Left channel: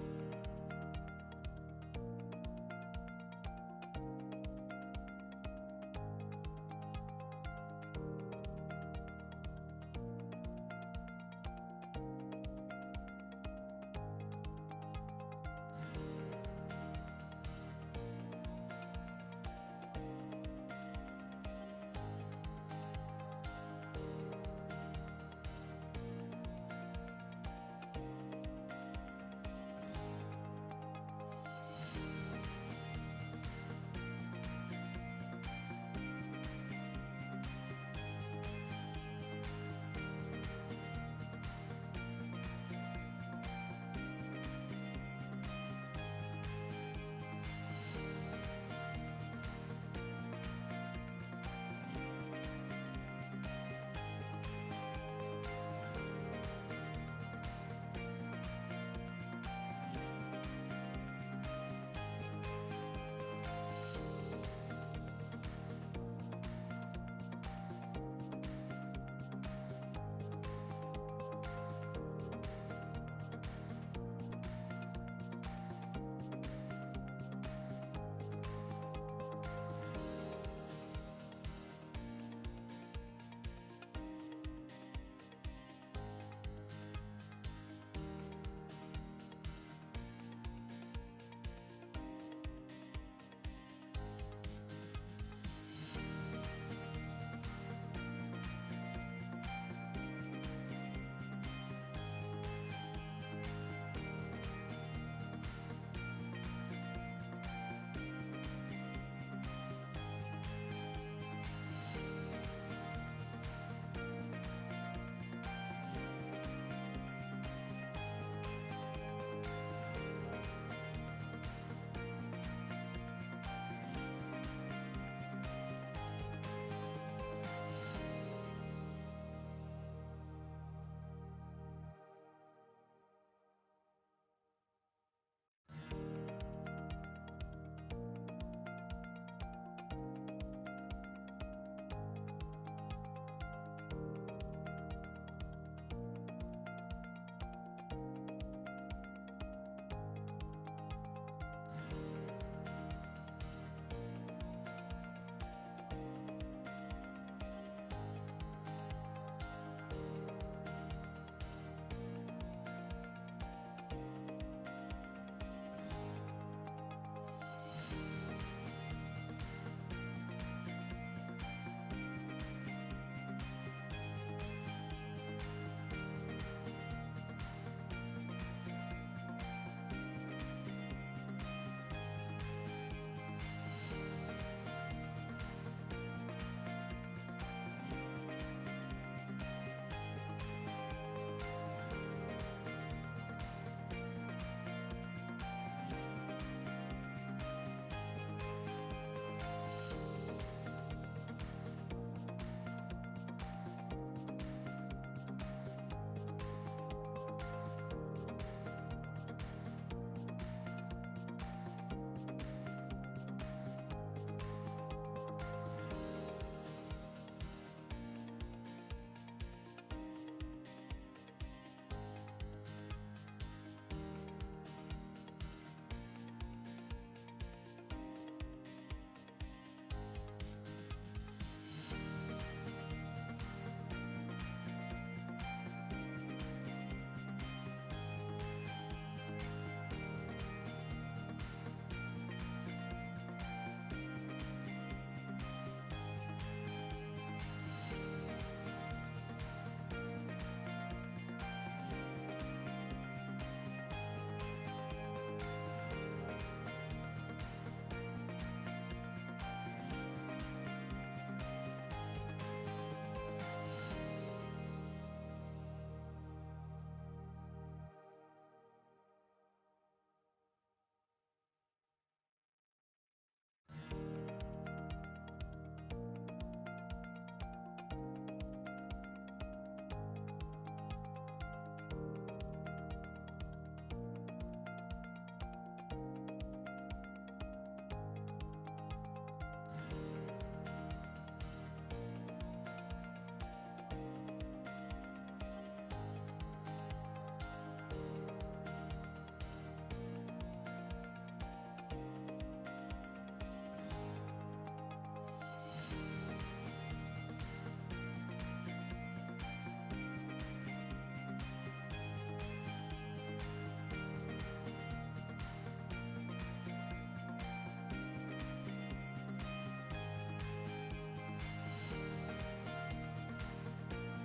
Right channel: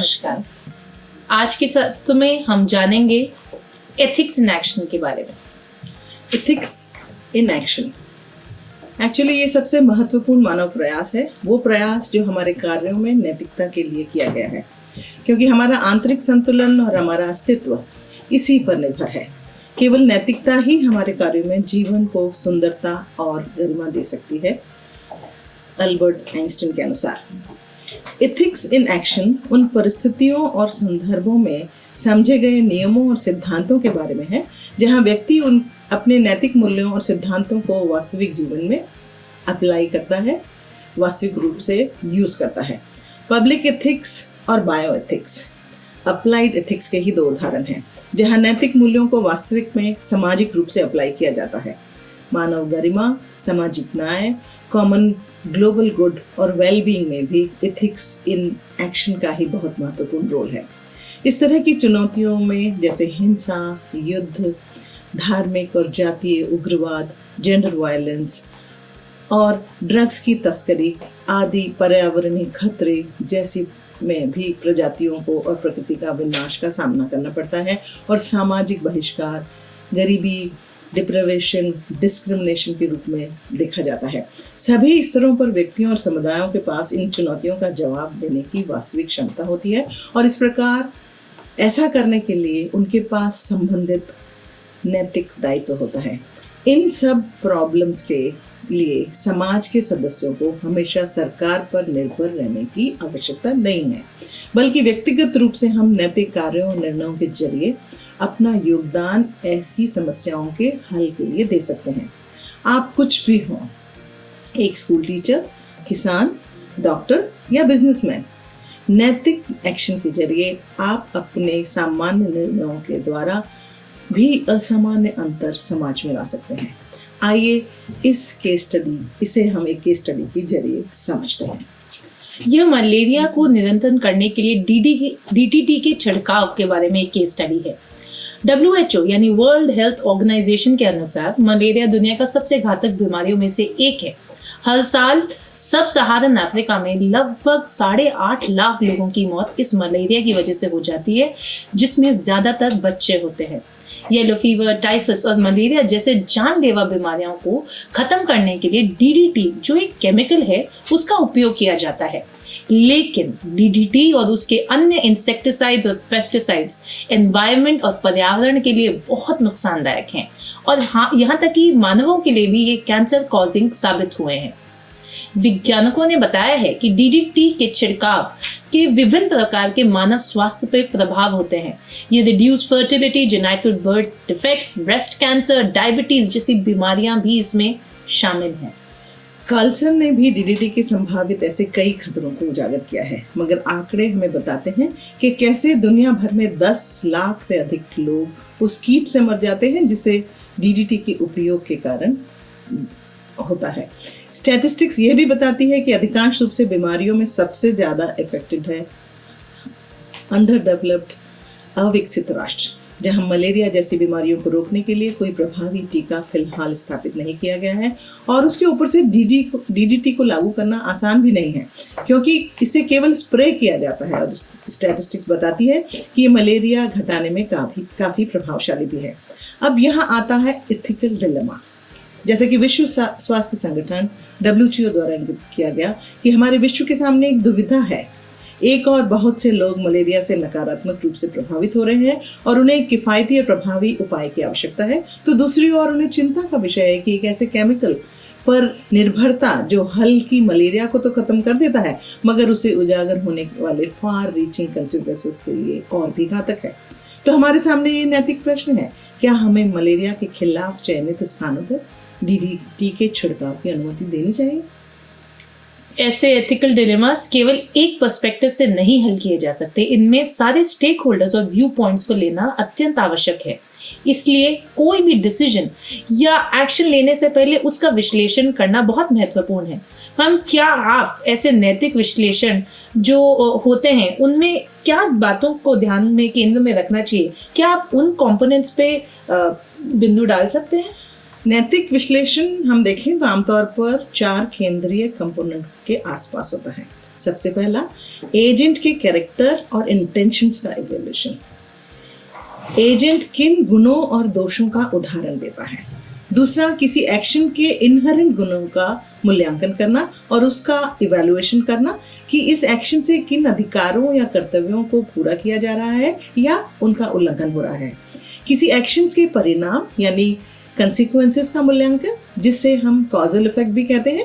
नमस्कार। आज के सत्र में हम जानेंगे एथिक्स इन एक्शन के बारे में। एथिक्स इन एक्शन एक्चुअली ये सबसे महत्वपूर्ण मानव प्रयास है, वो प्रयास जो हमारे कार्यों में नैतिकता के लिए किया गया है, क्योंकि हमारा आंतरिक संतुलन और हमारा अस्तित्व इसी पर निर्भर है। केवल नैतिकता ही हमारे कार्यों में जीवन को सुंदरता और गरिमा दे सकती है। अल्बर्ट आइंस्टीन के अनुसार एथिक्स इन एक्शन उन परिस्थितियों और संदर्भों में समझे गए नियमों और सिद्धांतों के बारे में है जहां व्यक्ति उन अपने नैतिक मूल्यों और सिद्धांतों को वास्तविक जीवन में अप्लाई करता है, वास्तविक रूप से यूज करता है। पब्लिक एथिक्स और बायो एथिक्स अप्लाइड एथिक्स के ही दो उदाहरण हैं, जहां नैतिक मूल्यों को वास्तविक में सामाजिक रूप से अप्लाई किया जाता है। मानव गरिमा, सामाजिक न्याय, कॉमन ग्लोबल गुड और वेलबीइंग में भी एथिक्स इन एक्शन का ही बहुत महत्वपूर्ण रोल है। इस तरह की चुनौतियों में जैसे हिंसा, युद्ध, धार्मिक और जातीय उग्रवाद, जेंडर वायलेंस और ड्रग्स की तस्करी आदि पर्यावरणीय खतरे जैसी में भी प्रजातियों को और प्रकृति का विनाश का सामना करना पड़ता है और सामाजिक बहिष्कार, गरीबी, डिप्रेवेशन, डिस्क्रिमिनेशन के रूप में देखा जाता है। सभी स्तरों पर व्यक्तियों और समुदायों के पास इन चुनौतियों का जवाब देने की वास्तविक क्षमता होती है और इस प्रकार ऐसा करने के लिए उनके पास संबंधित नैतिक दायित्व होता है। इन सब प्रॉब्लम्स के लिए समाज के सदस्यों को हमेशा सरकार पर निर्भर रहने की आवश्यकता नहीं है, बल्कि व्यक्तिगत रूप से हम नैतिक कार्यों और निर्णयों के जरिए अपना योगदान ऐसी समस्याओं के हल के लिए दे सकते हैं। आप कुछ भी हों, एक स्कूल टीचर, किसान, डॉक्टर या बिजनेसमैन, नैतिक एक्शन के जरिए आप अपने सामान्य निर्णयों के द्वारा भी असामान्य अंतर समाज में ला सकते हैं। आइए इसे हम एक केस स्टडी के जरिए समझते हैं। यह मलेरिया को नियंत्रण करने के लिए DDT के छिड़काव के बारे में एक केस स्टडी है। WHO यानी वर्ल्ड हेल्थ ऑर्गेनाइजेशन के अनुसार मलेरिया दुनिया का सबसे घातक बीमारियों में से एक है। हर साल सब सहारन अफ्रीका में लगभग 8.5 लाख लोगों की मौत इस मलेरिया की वजह से हो जाती है, जिसमें ज्यादातर बच्चे होते हैं। येलो फीवर, टाइफस और मलेरिया जैसे जानलेवा बीमारियों को खत्म करने के लिए DDT जो एक केमिकल है उसका उपयोग किया जाता है, लेकिन DDT और उसके अन्य इंसेक्टिसाइड्स और पेस्टिसाइड्स एनवायरनमेंट और पर्यावरण के लिए बहुत नुकसानदायक हैं और यहाँ तक कि मानवों के लिए भी ये कैंसर कॉजिंग साबित हुए हैं। वैज्ञानिकों ने बताया है कि DDT के छिड़काव के विभिन्न प्रकार के मानव स्वास्थ्य पर प्रभाव होते हैं। ये reduce fertility, genetic birth defects, breast cancer, diabetes जैसी बीमारियां भी इसमें शामिल हैं। कार्लसन ने भी DDT के संभावित ऐसे कई खतरों को उजागर किया है, मगर आंकड़े हमें बताते हैं कि कैसे दुनिया भर में 10 लाख से अधिक लोग उस कीट से मर जाते हैं जिसे DDT के उपयोग के कारण होता है। स्टैटिस्टिक्स ये भी बताती है कि अधिकांश रूप से बीमारियों में सबसे ज्यादा इफेक्टेड है अंडर डेवलप्ड अविकसित राष्ट्र, जहां मलेरिया जैसी बीमारियों को रोकने के लिए कोई प्रभावी टीका फिलहाल स्थापित नहीं किया गया है और उसके ऊपर से DDT को लागू करना आसान भी नहीं है, क्योंकि इसे केवल स्प्रे किया जाता है और स्टैटिस्टिक्स बताती है कि ये मलेरिया घटाने में काफी प्रभावशाली भी है। अब यहाँ आता है एथिकल डिलेमा। जैसे कि विश्व स्वास्थ्य संगठन WHO द्वारा इंगित किया गया कि हमारे विश्व के सामने एक दुविधा है। एक और बहुत से लोग मलेरिया से नकारात्मक रूप से प्रभावित हो रहे हैं और उन्हें एक किफ़ायती और प्रभावी उपाय की आवश्यकता है, तो दूसरी ओर उन्हें चिंता का विषय है कि एक ऐसे केमिकल पर निर्भरता जो हल्की मलेरिया को तो खत्म कर देता है मगर उसे उजागर होने वाले फार रीचिंग कंसिक्वेंसेस के लिए और भी घातक है। तो हमारे सामने ये नैतिक प्रश्न है, क्या हमें मलेरिया के खिलाफ चयनित स्थानों पर DDT के छिड़काव की अनुमति देनी चाहिए? ऐसे एथिकल डिलेमास केवल एक पर्सपेक्टिव से नहीं हल किए जा सकते। इनमें सारे स्टेक होल्डर्स और व्यू पॉइंट्स को लेना अत्यंत आवश्यक है। इसलिए कोई भी डिसीजन या एक्शन लेने से पहले उसका विश्लेषण करना बहुत महत्वपूर्ण है। हम क्या आप ऐसे नैतिक विश्लेषण जो होते हैं उनमें क्या बातों को ध्यान में केंद्र में रखना चाहिए? क्या आप उन कंपोनेंट्स पे बिंदु डाल सकते हैं? नैतिक विश्लेषण हम देखें तो आमतौर पर 4 केंद्रीय कंपोनेंट के आसपास होता है। सबसे पहला, एजेंट के कैरेक्टर और इंटेंशंस का इवैल्यूएशन। एजेंट किन गुणों और दोषों का उदाहरण देता है। दूसरा, किसी एक्शन के इनहेरेंट गुणों का मूल्यांकन करना और उसका इवैल्यूएशन करना कि इस एक्शन से किन अधिकारों या कर्तव्यों को पूरा किया जा रहा है या उनका उल्लंघन हो रहा है। किसी एक्शंस के परिणाम यानी कंसिक्वेंसेस का मूल्यांकन, जिसे हम कॉजल इफेक्ट भी कहते हैं।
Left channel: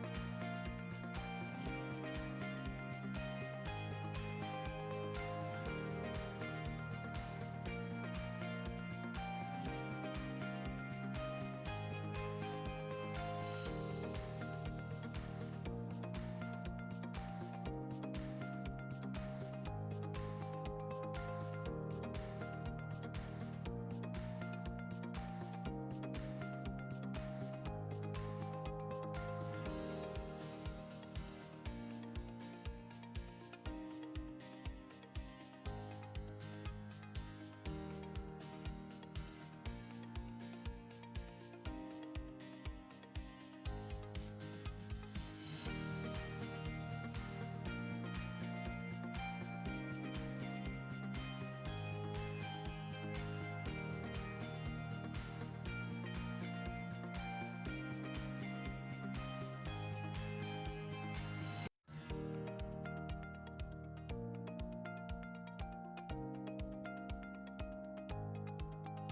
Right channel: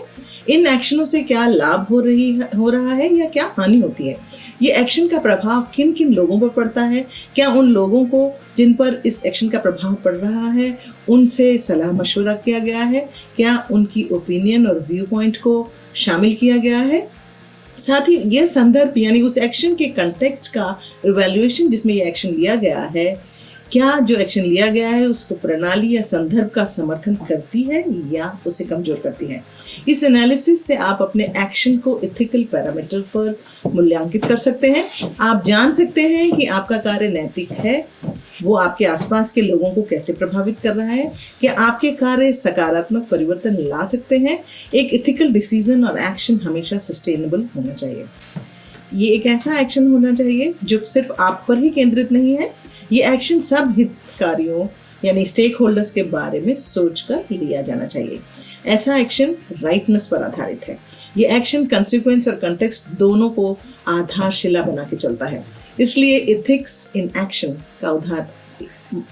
इन एक्शनों से क्या लाभ हो रहा है या क्या हानि होती है। ये एक्शन का प्रभाव किन किन लोगों पर पड़ता है। क्या उन लोगों को जिन पर इस एक्शन का प्रभाव पड़ रहा है उनसे सलाह मशवरा किया गया है। क्या उनकी ओपिनियन और व्यू पॉइंट को शामिल किया गया है। साथ ही यह संदर्भ यानी उस एक्शन के कंटेक्स्ट का इवैल्यूएशन जिसमें यह एक्शन लिया गया है, क्या जो एक्शन लिया गया है उसको प्रणाली या संदर्भ का समर्थन करती है या उसे कमजोर करती है। इस एनालिसिस से आप अपने एक्शन को एथिकल पैरामीटर पर मूल्यांकित कर सकते हैं। आप जान सकते हैं कि आपका कार्य नैतिक है, वो आपके आसपास के लोगों को कैसे प्रभावित कर रहा है, क्या आपके कार्य सकारात्मक परिवर्तन ला सकते हैं। एक एथिकल डिसीजन और एक्शन हमेशा सस्टेनेबल होना चाहिए। ये एक ऐसा एक्शन होना चाहिए जो सिर्फ आप पर ही केंद्रित नहीं है। ये एक्शन सब हितधारकों यानी स्टेक होल्डर्स के बारे में सोचकर लिया जाना चाहिए। ऐसा एक्शन राइटनेस पर आधारित है। ये एक्शन कंसिक्वेंस और कंटेक्स्ट दोनों को आधारशिला बना के चलता है। इसलिए एथिक्स इन एक्शन का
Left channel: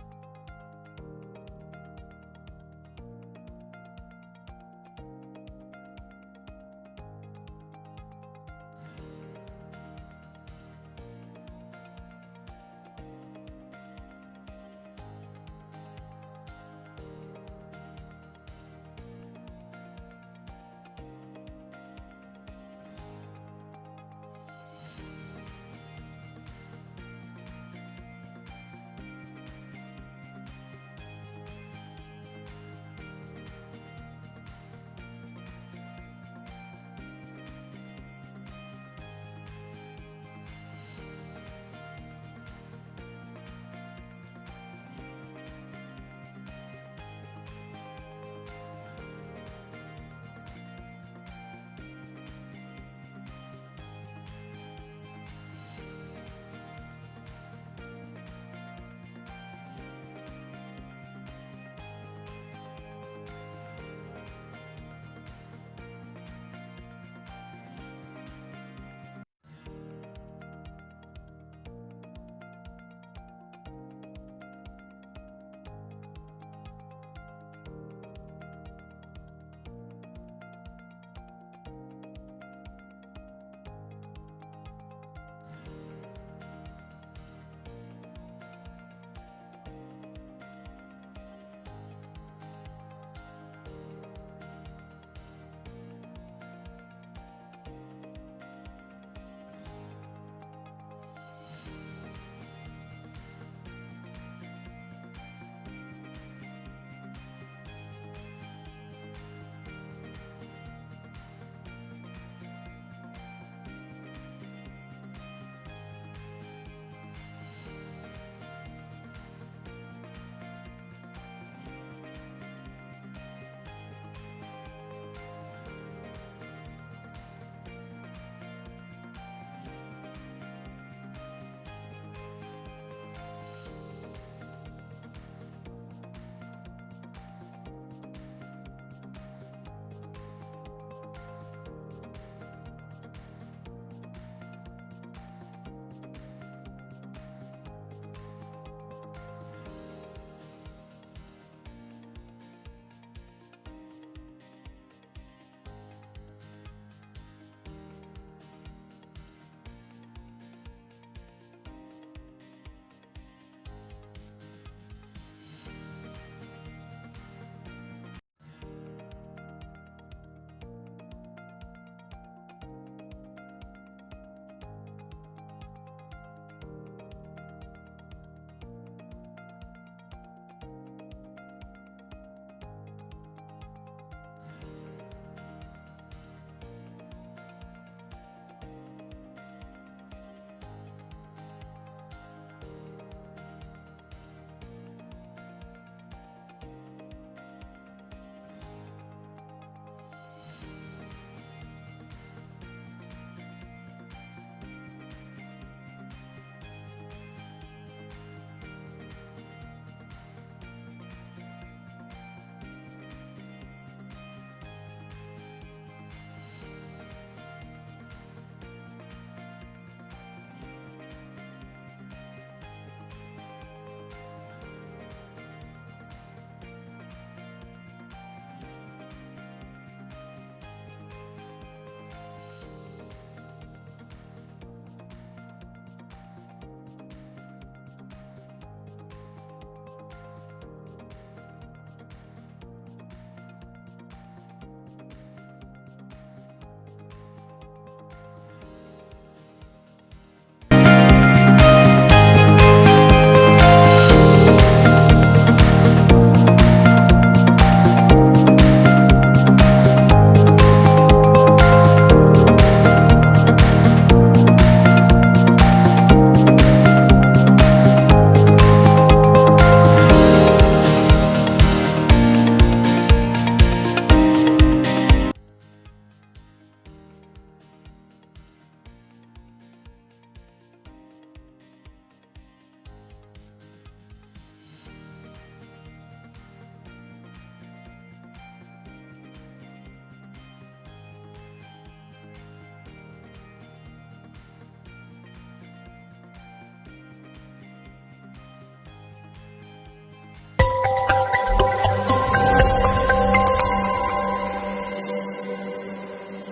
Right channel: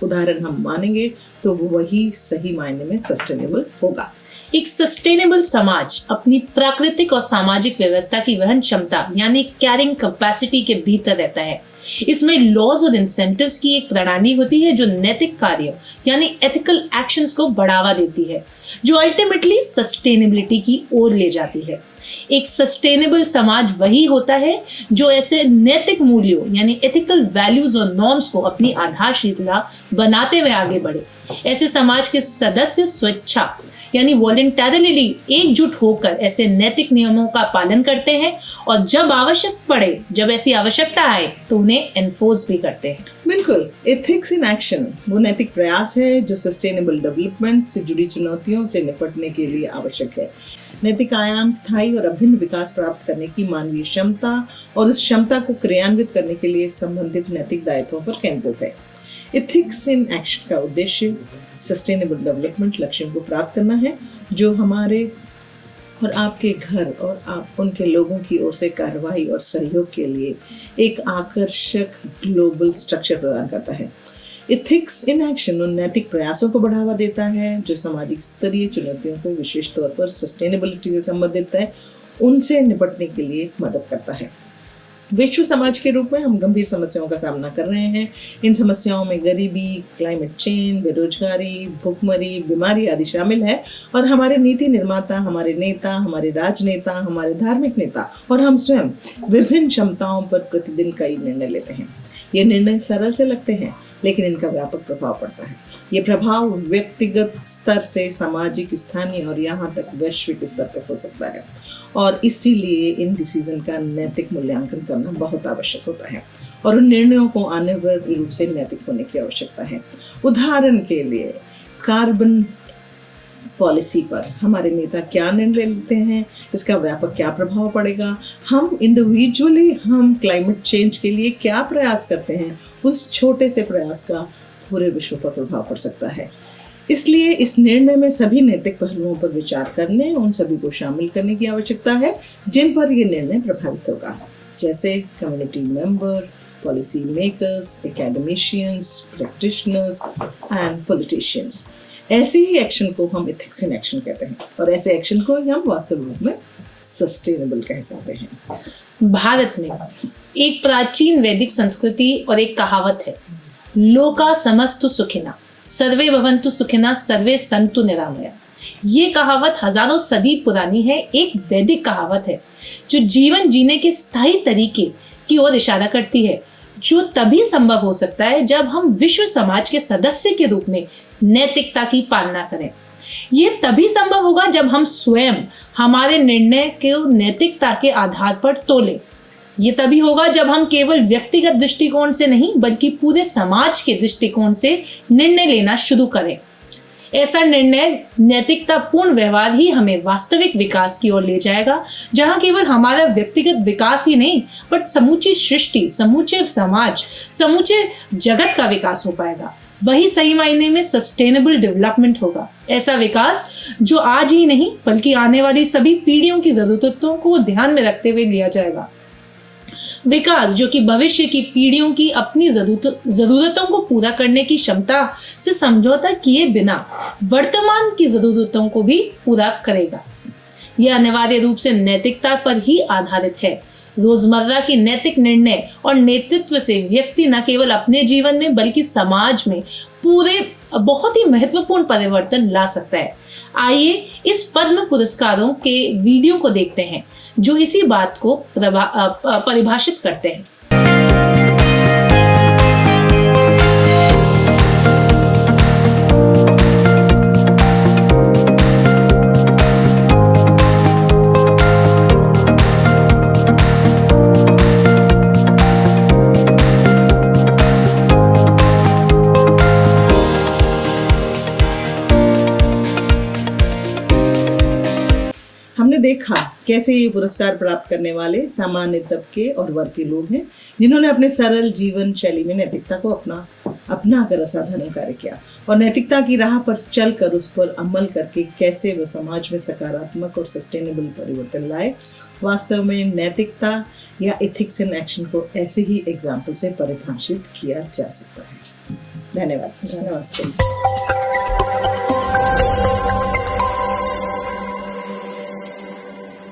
उदाहरण हम मानेंगे तो वही सही मायने में सस्टेनेबल होगा। एक सस्टेनेबल समाज अपनी प्राकृतिक और सामाजिक व्यवस्था की वहन क्षमता यानी कैरिंग कैपेसिटी के भीतर रहता है। इसमें लॉज और इंसेंटिव्स की एक प्रणाली होती है जो नैतिक कार्य यानी एथिकल एक्शंस को बढ़ावा देती है, जो अल्टीमेटली सस्टेनेबिलिटी की ओर ले जाती है। एक सस्टेनेबल समाज वही होता है जो ऐसे नैतिक मूल्यों यानी एथिकल वैल्यूज और नॉर्म्स को अपनी आधारशिला बनाते हुए आगे बढ़े। ऐसे समाज के सदस्य स्वेच्छा यानी वॉलंटरली एकजुट होकर ऐसे नैतिक नियमों का पालन करते हैं और जब आवश्यक पड़े, जब ऐसी आवश्यकता आए तो उन्हें एनफोर्स भी करते हैं। बिल्कुल, एथिक्स इन एक्शन वो नैतिक प्रयास है जो सस्टेनेबल डेवलपमेंट से जुड़ी चुनौतियों से निपटने के लिए आवश्यक है। नैतिक आयाम स्थायी और अभिन्न विकास प्राप्त करने की मानवीय क्षमता और उस क्षमता को क्रियान्वित करने के लिए संबंधित नैतिक दायित्वों पर केंद्रित है। एथिक्स इन एक्शन का उद्देश्य सस्टेनेबल डेवलपमेंट लक्ष्यों को प्राप्त करना है जो हमारे और आपके घर और आप उनके लोगों की ओर से कार्रवाई और सहयोग के लिए एक आकर्षक ग्लोबल स्ट्रक्चर प्रदान करता है। एथिक्स इन एक्शन उन नैतिक प्रयासों को बढ़ावा देता है जो सामाजिक स्तरीय चुनौतियों को विशेष तौर पर सस्टेनेबिलिटी से संबंधित है, उनसे निपटने के लिए मदद करता है। विश्व समाज के रूप में हम गंभीर समस्याओं का सामना कर रहे हैं। इन समस्याओं में गरीबी, क्लाइमेट चेंज, बेरोजगारी, भूखमरी, बीमारी आदि शामिल है और हमारे नीति निर्माता, हमारे नेता, हमारे राजनेता, हमारे धार्मिक नेता और हम स्वयं विभिन्न क्षमताओं पर प्रतिदिन कई निर्णय लेते हैं। ये निर्णय सरल से लगते हैं लेकिन इनका व्यापक प्रभाव पड़ता है। ये प्रभाव व्यक्तिगत स्तर से सामाजिक, स्थानीय और यहाँ तक वैश्विक स्तर तक हो सकता है और इसीलिए इन डिसीजन का नैतिक मूल्यांकन करना बहुत आवश्यक होता है और उन निर्णयों को अनिवार्य रूप से नैतिक होने की आवश्यकता है। उदाहरण के लिए कार्बन पॉलिसी पर हमारे नेता क्या निर्णय लेते हैं, इसका व्यापक क्या प्रभाव पड़ेगा, हम इंडिविजुअली हम क्लाइमेट चेंज के लिए क्या प्रयास करते हैं, उस छोटे से प्रयास का पूरे विश्व पर प्रभाव पड़ सकता है। इसलिए इस निर्णय में सभी नैतिक पहलुओं पर विचार करने, उन सभी को शामिल करने की आवश्यकता है जिन पर यह निर्णय प्रभावित होगा, जैसे community member, policy makers, academicians, practitioners and politicians. ऐसे ही एक्शन को हम एथिक्स इन एक्शन कहते हैं और ऐसे एक्शन को हम वास्तविक रूप में सस्टेनेबल कह सकते हैं। भारत में एक प्राचीन वैदिक संस्कृति और एक कहावत है, लोका समस्तु सुखिना सर्वे भवन्तु सुखिना सर्वे सन्तु निरामया। ये कहावत हजारों सदी पुरानी है, एक वैदिक कहावत है जो जीवन जीने के स्थायी तरीके की ओर इशारा करती है, जो तभी संभव हो सकता है जब हम विश्व समाज के सदस्य के रूप में नैतिकता की पालना करें। यह तभी संभव होगा जब हम स्वयं हमारे निर्णय को नैतिकता के आधार पर तोलें। ये तभी होगा जब हम केवल व्यक्तिगत दृष्टिकोण से नहीं बल्कि पूरे समाज के दृष्टिकोण से निर्णय लेना शुरू करें। ऐसा निर्णय नैतिकतापूर्ण व्यवहार ही हमें वास्तविक विकास की ओर ले जाएगा, जहां केवल हमारा व्यक्तिगत विकास ही नहीं बट समूची सृष्टि, समूचे समाज, समूचे जगत का विकास हो पाएगा। वही सही मायने में सस्टेनेबल डेवलपमेंट होगा। ऐसा विकास जो आज ही नहीं बल्कि आने वाली सभी पीढ़ियों की जरूरतों को ध्यान में रखते हुए लिया जाएगा। विकास जो कि भविष्य की पीढ़ियों की अपनी जरूरतों को पूरा करने की क्षमता से समझौता किए बिना वर्तमान की जरूरतों को भी पूरा करेगा। यह अनिवार्य रूप से नैतिकता पर ही आधारित है। रोजमर्रा की नैतिक निर्णय और नेतृत्व से व्यक्ति न केवल अपने जीवन में बल्कि समाज में पूरे बहुत ही महत्वपूर्ण परिवर्तन ला सकता है। आइए इस पद्म पुरस्कारों के वीडियो को देखते हैं जो इसी बात को परिभाषित करते हैं। हमने देखा कैसे ये पुरस्कार प्राप्त करने वाले सामान्य तबके और वर्ग के लोग हैं जिन्होंने अपने सरल जीवन शैली में नैतिकता को अपना कर असाधारण कार्य किया और नैतिकता की राह पर चलकर उस पर अमल करके कैसे वे समाज में सकारात्मक और सस्टेनेबल परिवर्तन लाए। वास्तव में नैतिकता या एथिक्स इन एक्शन को ऐसे ही एग्जाम्पल से परिभाषित किया जा सकता है। धन्यवाद। नमस्ते।